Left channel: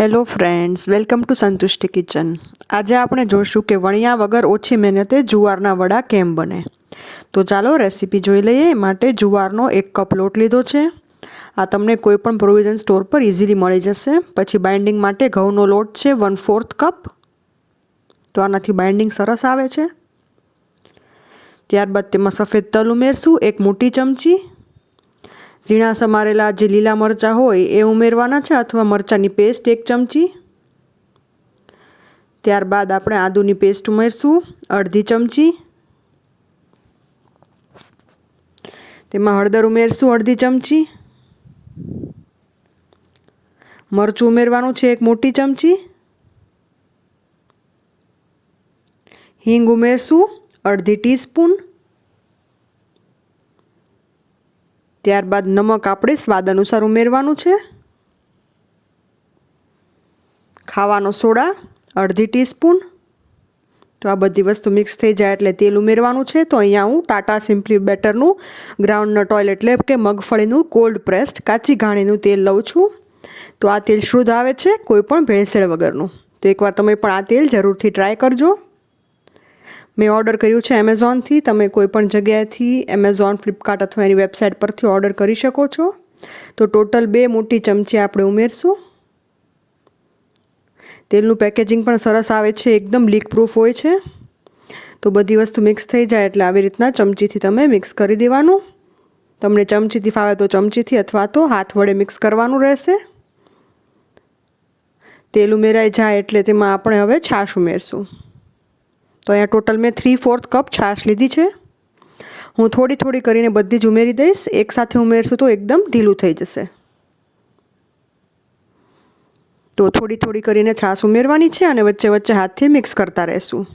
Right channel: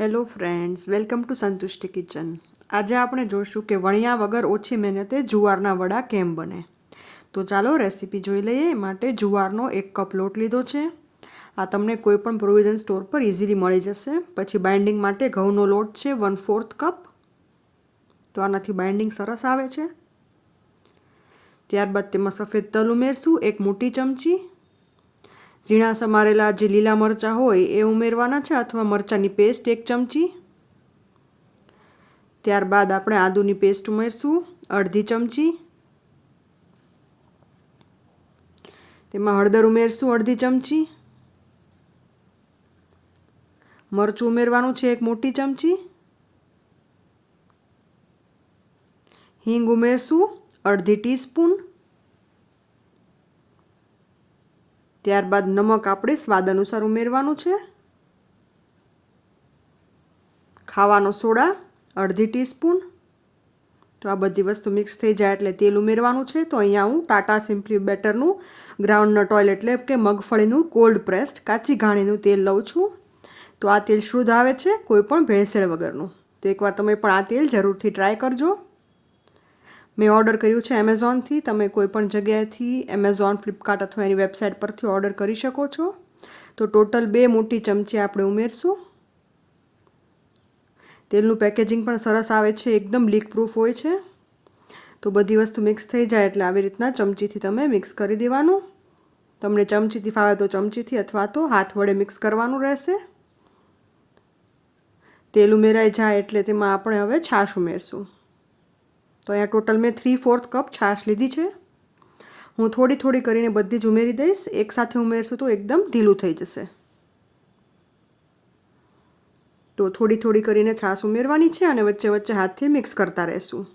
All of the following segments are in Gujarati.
Hello friends welcome to Santushti kitchen આજે આપણે જોઈશું કે વણિયા વગર ઓછી મહેનતે જુવારના વડા કેમ બને. તો ચાલો રેસીપી જોઈ લઈએ. માટે જુવારનો એક કપ લોટ લીધો છે. આ તમને કોઈ પણ પ્રોવિઝન સ્ટોર પર ઇઝીલી મળી જશે. પછી બાઇન્ડિંગ માટે ઘઉંનો લોટ છે વન ફોર્થ કપ. તો આનાથી બાઇન્ડિંગ સરસ આવે છે. ત્યારબાદ તેમાં સફેદ તલ ઉમેરશું, એક મોટી ચમચી. ઝીણા સમારેલા જે લીલા મરચાં હોય એ ઉમેરવાના છે અથવા મરચાંની પેસ્ટ એક ચમચી? ત્યારબાદ આપણે આદુની પેસ્ટ ઉમેરશું, અડધી ચમચી. તેમાં હળદર ઉમેરશું, અડધી ચમચી. મરચું ઉમેરવાનું છે એક મોટી ચમચી. હિંગ ઉમેરશું, અડધી ટીસ્પૂન. ત્યારબાદ નમક આપણે સ્વાદ અનુસાર ઉમેરવાનું છે. ખાવાનો સોડા, અડધી ટીસ્પૂન. તો આ બધી વસ્તુ મિક્સ થઈ જાય એટલે તેલ ઉમેરવાનું છે. તો અહીંયા હું ટાટા સિમ્પલી બેટરનું ગ્રાઉન્ડનટ ઓઇલ એટલે કે મગફળીનું કોલ્ડ પ્રેસ્ડ કાચી ઘાણીનું તેલ લઉં છું. તો આ તેલ શુદ્ધ આવે છે, કોઈ પણ ભેળસેળ વગરનું. તો એકવાર તમે પણ આ તેલ જરૂરથી ટ્રાય કરજો. મેં ઓર્ડર કર્યું છે એમેઝોનથી તમે કોઈ પણ જગ્યાએથી એમેઝોન ફ્લિપકાર્ટ અથવા એની વેબસાઇટ પરથી ઓર્ડર કરી શકો છો. તો ટોટલ બે મોટી ચમચી આપણે ઉમેરશું. તેલનું પેકેજિંગ પણ સરસ આવે છે, એકદમ લીક પ્રૂફ હોય છે. તો બધી વસ્તુ મિક્સ થઈ જાય એટલે આવી રીતના ચમચીથી તમે મિક્સ કરી દેવાનું. તમને ચમચીથી ફાવે તો ચમચીથી અથવા તો હાથ વડે મિક્સ કરવાનું રહેશે. તેલ ઉમેરાઈ જાય એટલે તેમાં આપણે હવે છાશ ઉમેરશું. તો અહીંયા ટોટલ મેં થ્રી ફોર્થ કપ છાશ લીધી છે. હું થોડી થોડી કરીને બધી જ ઉમેરી દઈશ. એકસાથે ઉમેરશું તો એકદમ ઢીલું થઈ જશે. તો થોડી થોડી કરીને છાશ ઉમેરવાની છે અને વચ્ચે વચ્ચે હાથથી મિક્સ કરતા રહેશું.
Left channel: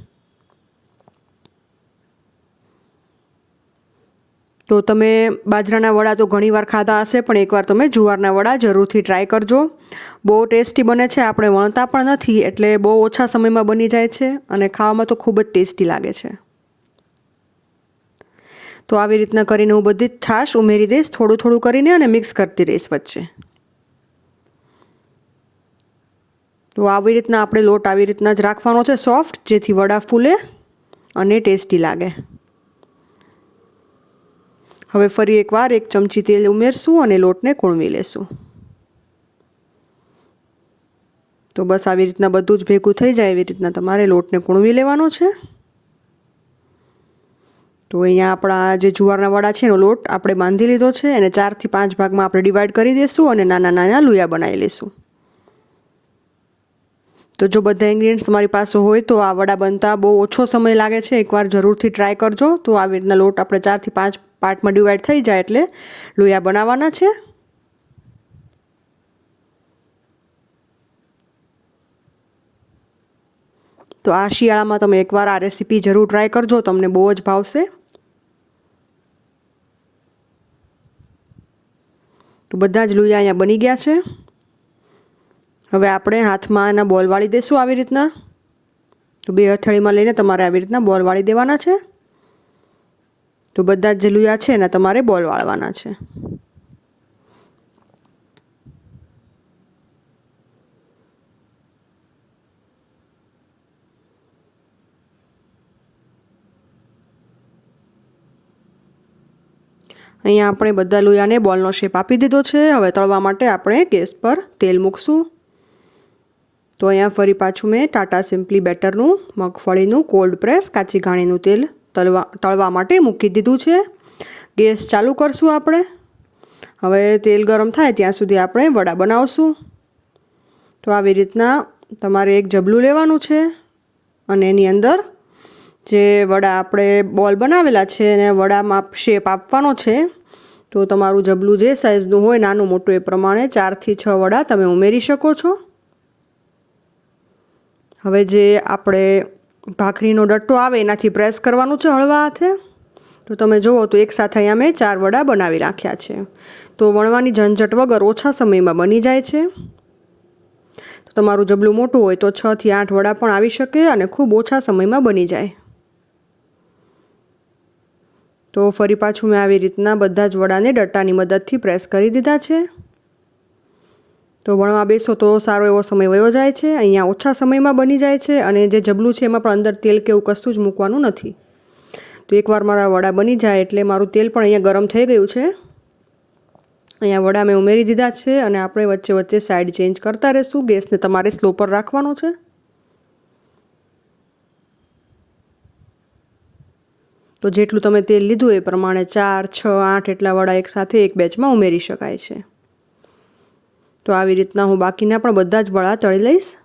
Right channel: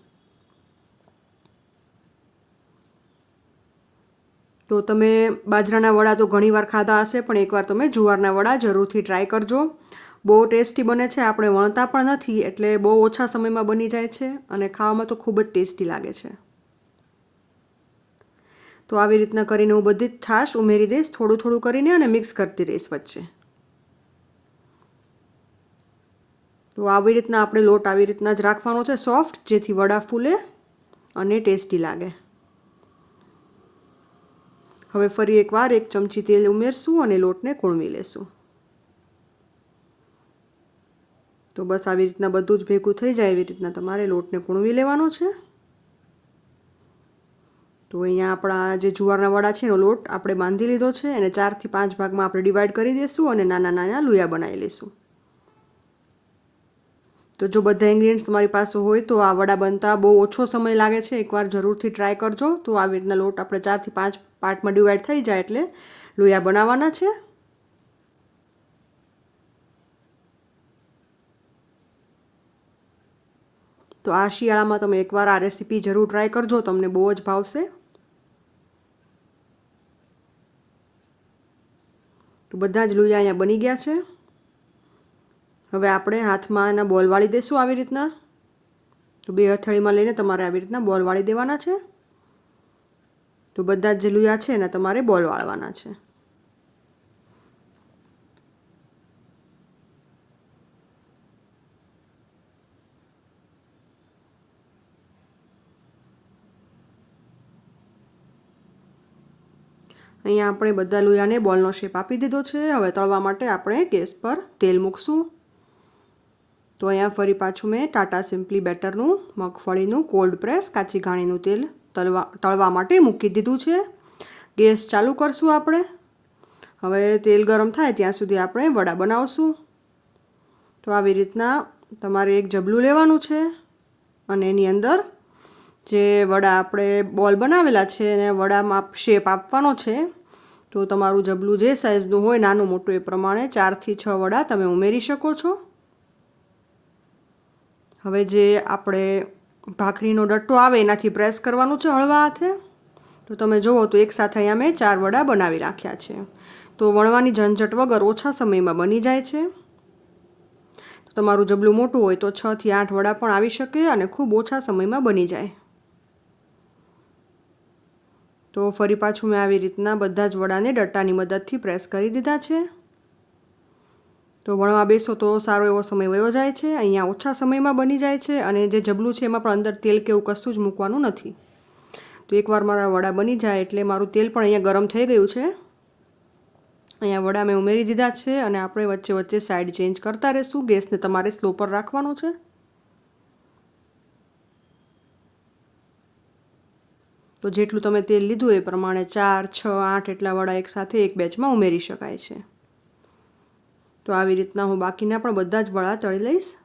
તો તમે બાજરાના વડા તો ઘણીવાર ખાધા હશે, પણ એકવાર તમે જુવારના વડા જરૂરથી ટ્રાય કરજો. બહુ ટેસ્ટી બને છે, આપણે વણતા પણ નથી, એટલે બહુ ઓછા સમયમાં બની જાય છે અને ખાવામાં તો ખૂબ જ ટેસ્ટી લાગે છે. તો આવી રીતના કરીને હું બધી જ છાશ ઉમેરી દઈશ, થોડું થોડું કરીને અને મિક્સ કરતી રહીશ વચ્ચે. તો આવી રીતના આપણે લોટ આવી રીતના જ રાખવાનો છે સોફ્ટ જેથી વડા ફૂલે અને ટેસ્ટી લાગે. હવે ફરી એકવાર એક ચમચી તેલ ઉમેરશું અને લોટને કૂણવી લેશું. તો બસ આવી રીતના બધું જ ભેગું થઈ જાય એવી રીતના તમારે લોટને કૂણવી લેવાનો છે. તો અહીંયા આપણા જે જુવારના વડા છે એનો લોટ આપણે બાંધી લીધો છે અને ચારથી પાંચ ભાગમાં આપણે ડિવાઈડ કરી દઈશું અને નાના નાના લુયા બનાવી લઈશું તો જો બધા ઇન્ગ્રીડિયન્ટ્સ તમારી પાસે હોય તો આ વડા બનતા બહુ ઓછો સમય લાગે છે. એકવાર જરૂરથી ટ્રાય કરજો. તો આવી રીતના લોટ આપણે ચારથી પાંચ પાર્ટમાં ડિવાઈડ થઈ જાય એટલે લોયા બનાવવાના છે. તો આ શિયાળામાં તમે એકવાર આ રેસીપી જરૂર ટ્રાય કરજો, તમને બહુ જ ભાવશે. તો બધા જ લુયા અહીંયા બની ગયા છે. હવે આપણે હાથમાં એના બોલ વાળી દઈશું આવી રીતના. તો બે હથેળીમાં લઈને તમારે આવી રીતના બોલ વાળી દેવાના છે. તો બધા જ જે લુયા છે એના તમારે બોલ વાળવાના છે. અહીંયા આપણે બધા લોયાને બોલનો શેપ આપી દીધો છે. હવે તળવા માટે આપણે ગેસ પર તેલ મૂકશું. તો અહીંયા ફરી પાછું મેં ટાટા સિમ્પલી બેટરનું મગફળીનું કોલ્ડ પ્રેસ કાચી ઘાણીનું તેલ તળવા તળવા માટે મૂકી દીધું છે. ગેસ ચાલુ કરશું આપણે. હવે તેલ ગરમ થાય ત્યાં સુધી આપણે વડા બનાવશું. તો આવી રીતના તમારે એક જબલું લેવાનું છે અને એની અંદર જે વડા આપણે બોલ બનાવેલા છે એને વડામાં શેપ આપવાનો છે. તો તમારું જબલું જે સાઇઝનું હોય નાનું મોટું એ પ્રમાણે ચારથી છ વડા તમે ઉમેરી શકો છો. હવે જે આપણે ભાખરીનો ડટ્ટો આવે, એનાથી પ્રેસ કરવાનું છે હળવા હાથે. તો તમે જુઓ તો એક સાથે અહીંયા મેં ચાર વડા બનાવી રાખ્યા છે. તો વણવાની ઝંઝટ વગર ઓછા સમયમાં બની જાય છે. તો તમારું જબલું મોટું હોય તો છથી આઠ વડા પણ આવી શકે અને ખૂબ ઓછા સમયમાં બની જાય. તો ફરી પાછું મેં આવી રીતના બધા જ વડાને ડટ્ટાની મદદથી પ્રેસ કરી દીધા છે. તો ભણવા બેસો તો સારો એવો સમય વયો જાય છે, અહીંયા ઓછા સમયમાં બની જાય છે અને જે જબલું છે એમાં પણ અંદર તેલ કે એવું કશું જ મૂકવાનું નથી. તો એકવાર મારા વડા બની જાય એટલે મારું તેલ પણ અહીંયા ગરમ થઈ ગયું છે. અહીંયા વડા મેં ઉમેરી દીધા છે અને આપણે વચ્ચે વચ્ચે સાઈડ ચેન્જ કરતા રહેશું. ગેસને તમારે સ્લો પર રાખવાનો છે. તો જેટલું તમે તેલ લીધું એ પ્રમાણે ચાર, છ, આઠ એટલા વડા એકસાથે એક બેચમાં ઉમેરી શકાય છે. તો આવી રીતના હું બાકીના પણ બધા જ વડા તળી લઈશ.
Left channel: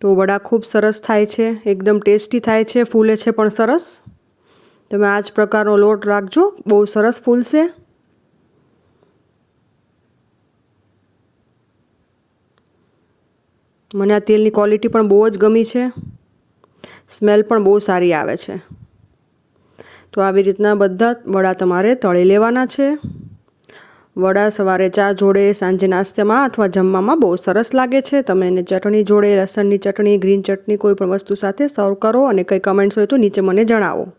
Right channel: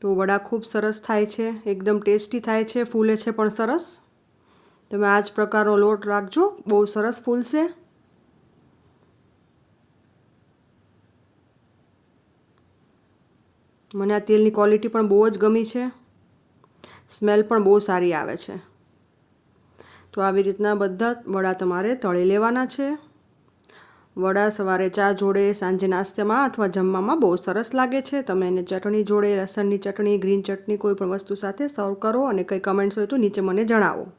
તો વડા ખૂબ સરસ થાય છે, એકદમ ટેસ્ટી થાય છે, ફૂલે છે પણ સરસ. તમે આ જ પ્રકારનો લોટ રાખજો, બહુ સરસ ફૂલશે. મને આ તેલની ક્વોલિટી પણ બહુ જ ગમી છે. સ્મેલ પણ બહુ સારી આવે છે. તો આવી રીતના બધા વડા તમારે તળી લેવાના છે. વડા સવારે ચા જોડે, સાંજે નાસ્તામાં અથવા જમવામાં બહુ સરસ લાગે છે. તમે એને ચટણી જોડે, લસણની ચટણી, ગ્રીન ચટણી કોઈ પણ વસ્તુ સાથે સર્વ કરો અને કંઈ કમેન્ટ્સ હોય તો નીચે મને જણાવો.